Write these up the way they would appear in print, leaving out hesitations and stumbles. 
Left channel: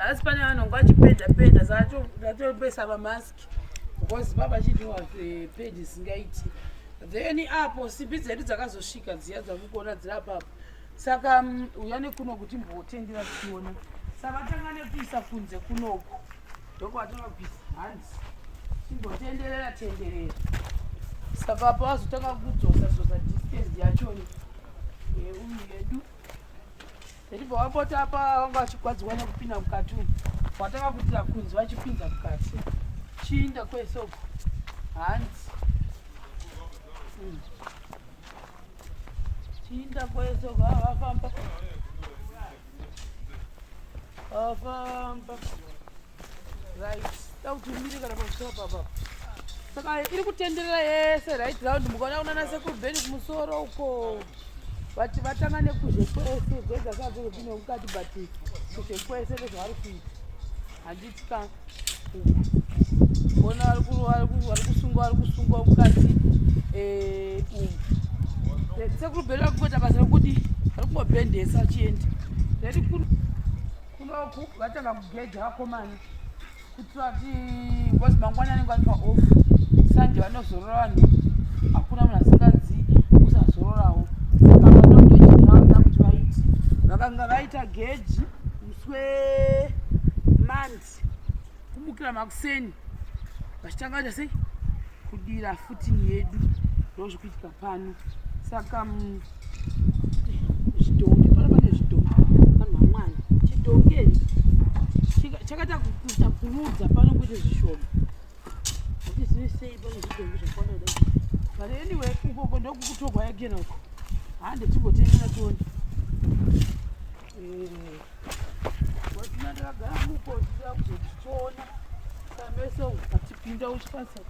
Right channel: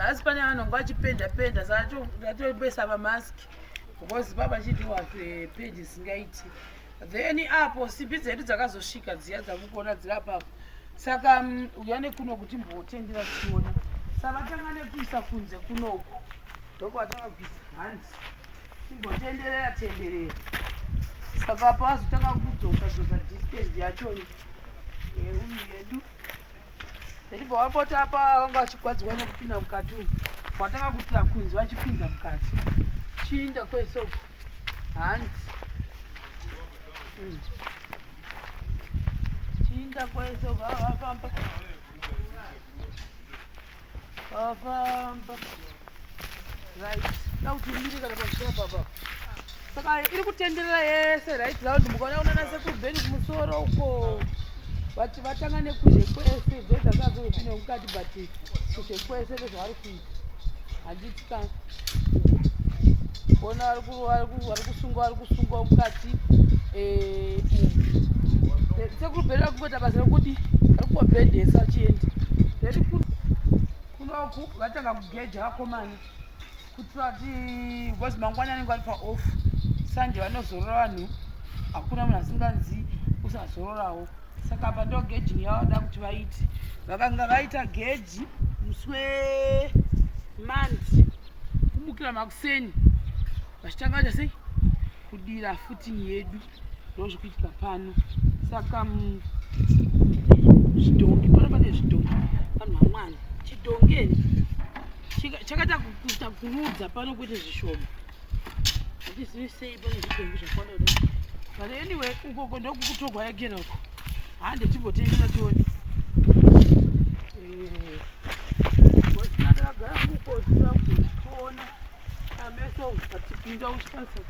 Nasi pane vanhu ngachipenda zvatobesa pamask because baba chitiwa peji singaiti then apo simbi dzedu dzakazosvika dziya dzakukona dzirapapo saka uyane kuno kuti mbotendera tichiona saka tanga nekuisa kunze kunoku ndoko watanga kuisa hanzi timbotenderera saka apo azotanga kudzosa distance yachoni yedu ndibva wapota apa vanga vachigwadzirwa nekupinda mukati watanga kutira kunzi vachipinza mukati chiinda kwesoko hanzi chiinda kwesoko avafamba right dauti miri kana pamusoro papa saka iri kutenderera yese right round mukaona unanase kubheni kumusoro uko vati vatanga nekuzhe kwese bhedha dzazopinda mukati but kuzhe kwese ndezvavari kuita handiti ka ona vari kusungwa mukati sekubhera kuita basa rekuti vari kubhedhesa chiende reri kunoku vatanga kugeja vakomana kuitira kuti ngozi mangwana anenge ari paoff sanje vanozorora vanhu hakuna munhu asingazivi kusazororawo saka vandogeji yavanoda kuti vaiti vakanga vaita geji muswe manzi kumukira makuseni vachitanga sei kudira footing yedu ndozvikuitika pano saka zvidhongi pano pane zvidhongi vanhu vamwana chidhongeni chakaita kuita kurudza pano kuite zvishoma hatizivi sei pane zvidhongi zvakwana kudai but anyway ukoko ndokukutogwa yagera uko hande timbotendera tione ndakagara uko zvisina kuzotiona kameso atipinda uchipasa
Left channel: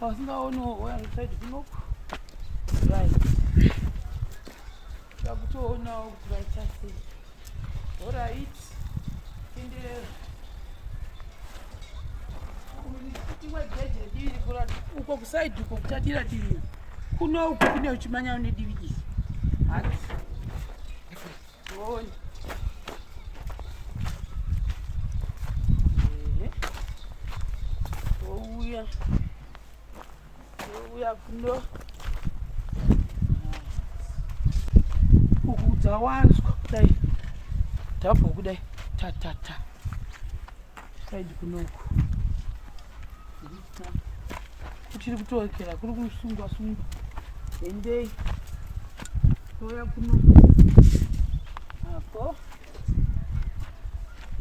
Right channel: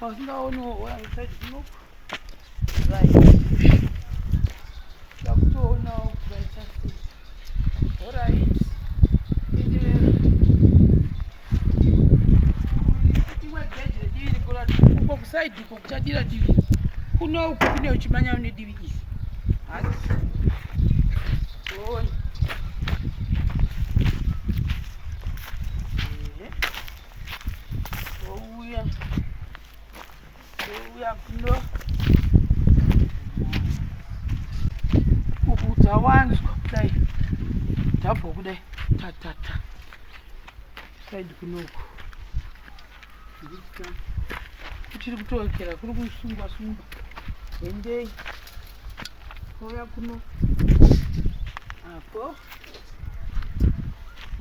pasingaoniwo waiside kunoko right takutoonawo kuraita sei alright wegeje diri kurati uko kusaidi uko kuchadira divi kuno uko kune uchimanya une divi isi hati tione ouya kuno uku dzawanzwa kudai tabva kudai tatata saidi kunoko kutiri kutookera kuri kusungwa endei ouya kuno apo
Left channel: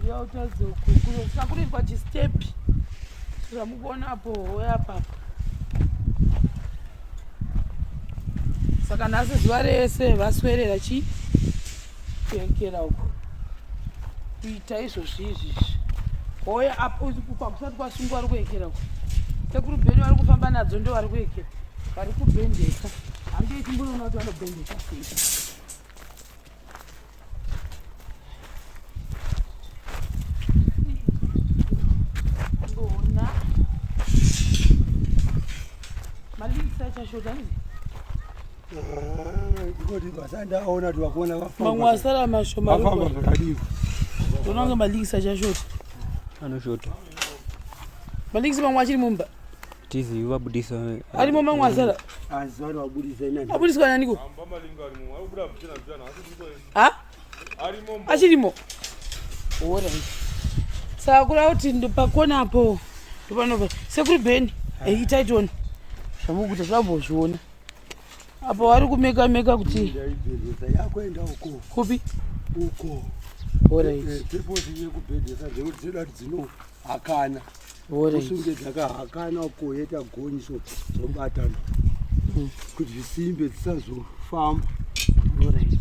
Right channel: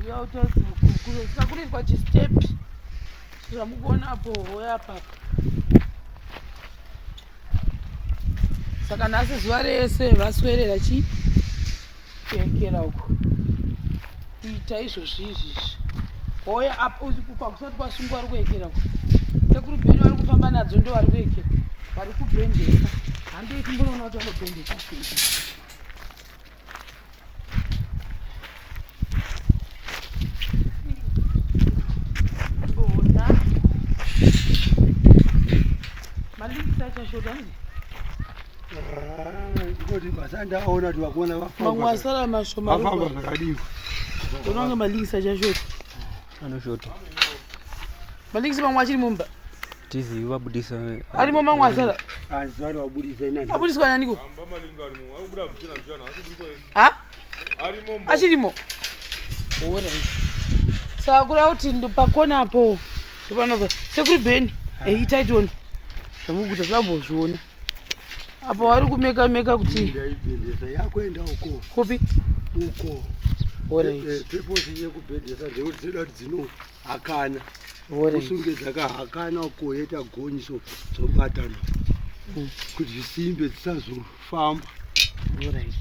yautadzekukure sina kurizwa chistepi zvamukuonapo ouya papa saka nhasi zuva rese vaswerera kuekera uko kuita izvozvi ouya apo pakusati kwasungwa vari kuekera uko sekuru bheni vari kufamba nadzo ndo vari kuekera vari kubhendeka handii kumbonoona kuti vanobhendeka mbona malikisa achashodani ndikoti basa ndaona tiwakuona mamwe asara mashoma vafamba zvakadiko unonge malikisa achashota anoshota malikisa mamwe achiri mumba tizi vabudisa arimo mamwe asara azivani wabudisa inani abudiswa naniko achirimo alright saka kuri kuti pakonapo ndipanapo sekuri bheni eitaitoni zvamukuta zvambozviona apo vari kumeka kuti ndaibhendesa yakuenda uko kupi uko alright peposi yekubhendesa ndekuti dzinoda kuti dzino hakana alright kusunge dzakahakana uko yeta gonyiso dzombatana kuti zvisimbe dzisazofamba alright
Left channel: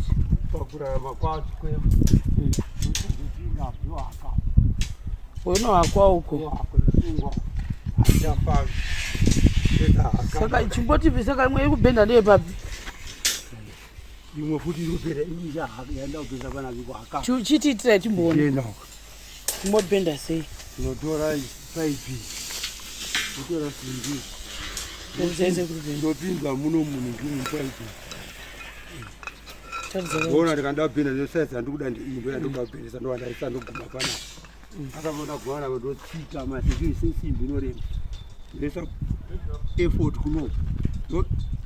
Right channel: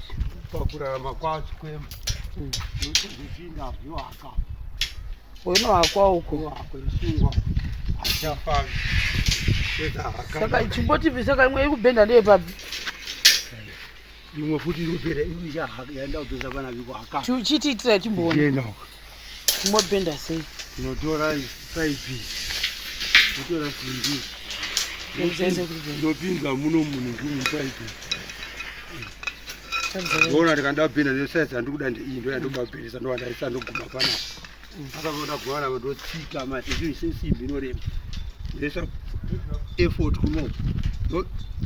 pakurarama kwacho kwema notozopinda yohaka unohakwa uko yohakwa isungwa hachafambi saka chimboti saka imwe ikubhenda ndeyepapi imwe futi irikupera yaenda kupesa pana vikuhaka chitiitira chimboona enda chimobhenda sei tinotora paipi totora simbi ndopinza muno munhu ndimupaipi ona tikanda bhenda nesaizi andikuda ndeiyi ndoyandobabhendesa ndowandaisa ndoguma panapa akavona kugwana vandotsika mati sesimbi inorema ndesa effort kuno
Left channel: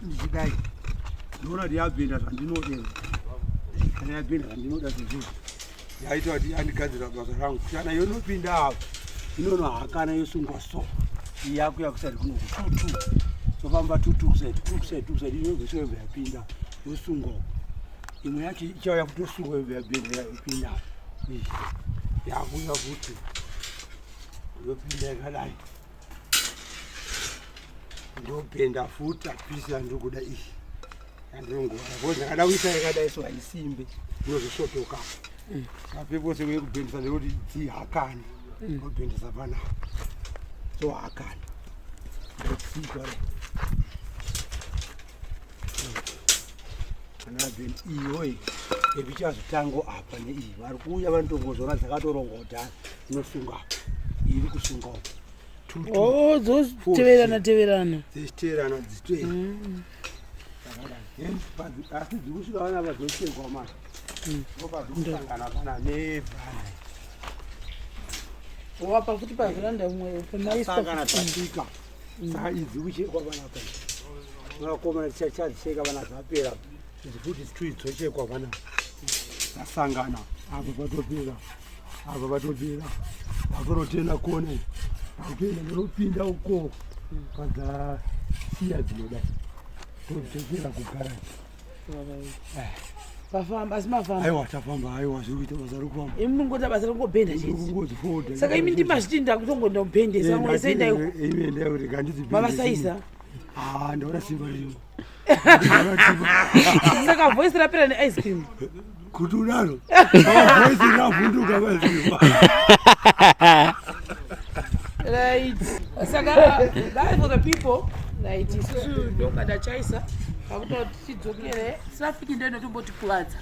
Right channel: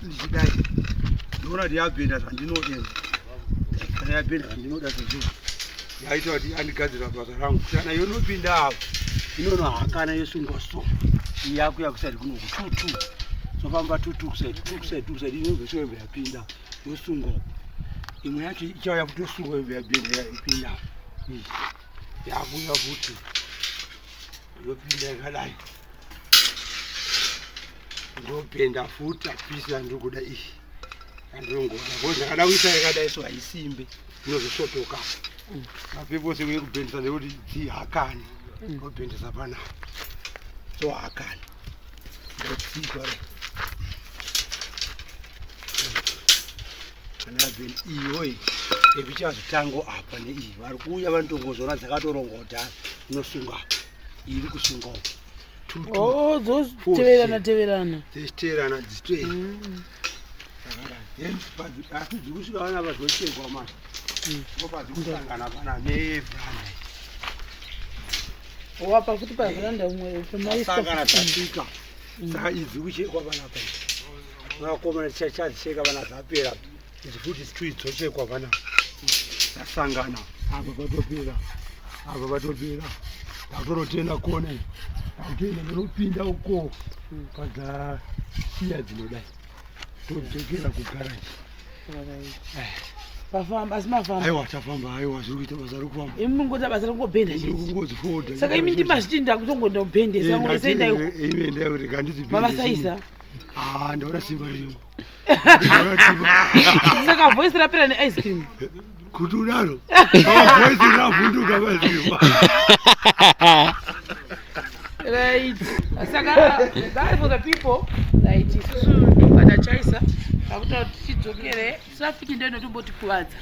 ndichidai ndoona kuti yabhenda zvandinoda kana yabhenda zvandinoda zvezvizvi yaita kuti yandigadzira basa rangu kana yonopinda apo inonohakana yosungwa so iyakuya kusati kunoku tutu sofamba tutu kusaidi inobvesoyobva yapinda yosungwa imwe yacho ichauya kutosungwa yobva yabhenda yapinda yakuya kuti yopinda yakadai ndopenda futi apisi andikuda iyi andingoda because ndakada kuisa yakadai so haisimbe inozosotoka mapepose wekubhendisa nekuti dzihakani obhendisa panapa so hakani ndotsika kana bheni iyoyi ebichazotango apa neiyi vari kuuya vanotongozona dzakatorongota inosunga iri kusunga uko teverana dzichiteverana dzitei asi dzikusvika vana vazochekwa masi opadzikusangana pana nevhana wapa futi pavhiranda umwe sangana tasvika saka idzi kuchekwa panapa vakomana tichadzisheka vana zvapera idzi futi dzitui dzochekwa panapa tasangana apa patopera apa patopera tatorotenda kone akutoenda ndinopinda uko padzasiya dzinodai todzokera kugaraji pafamba asi mafamba aiwa tafamba aiwa zviri kuita basa rokufamba imunongota basa rokungobhenda kungodzifoda saka imi ndimazviti ndakutongoda kubhendesa imendeya kuti kandidzibhendesaisa ndaona simba ririmo saka voisi rapera neice cream kuti unaro voisi ravhunduka mazima right saka that for the people right isusu ndobada chaisa akuti tidzokere traffic ndio inotombotikuwadza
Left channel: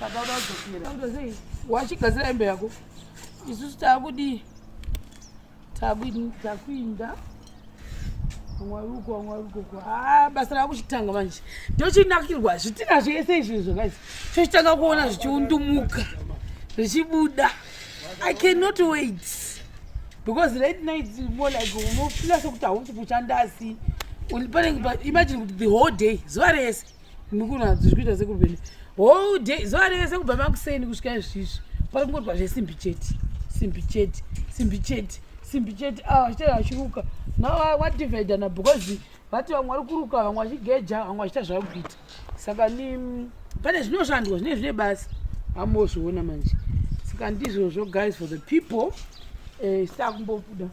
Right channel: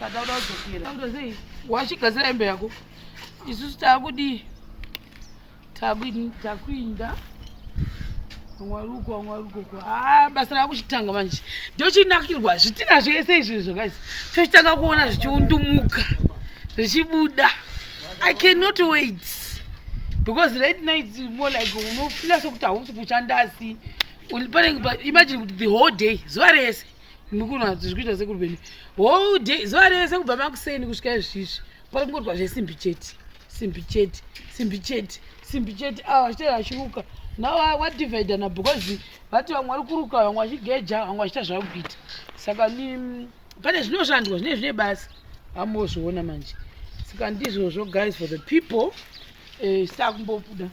saka uda kudzokera kutozei wachigadzira hembe yako isusu takuinda mwari uko basa rakuchitanga manje ndochinakirwa zvitina zvese izvizvo guys tochitanga kuona zvichiundumuka zvichibuda. I cannot wait because right now it's more like unofila sokuti hausi kuchandasi imagine kuti the whole day zuva rese mukuna zvikuita sekurubeni whole day zuva rese kubva makuseni kusvika izvizvi pari kungoitwa zvesimbi chete achitaashiruka now wadivhaidana because vati vamwe vari kuruka vamwe vachigeja vamwe vachita zvakuita saka pane zvinoshandwa zvine basa amozviona manje saka ndizvozvo guys for the people sitakumbobuda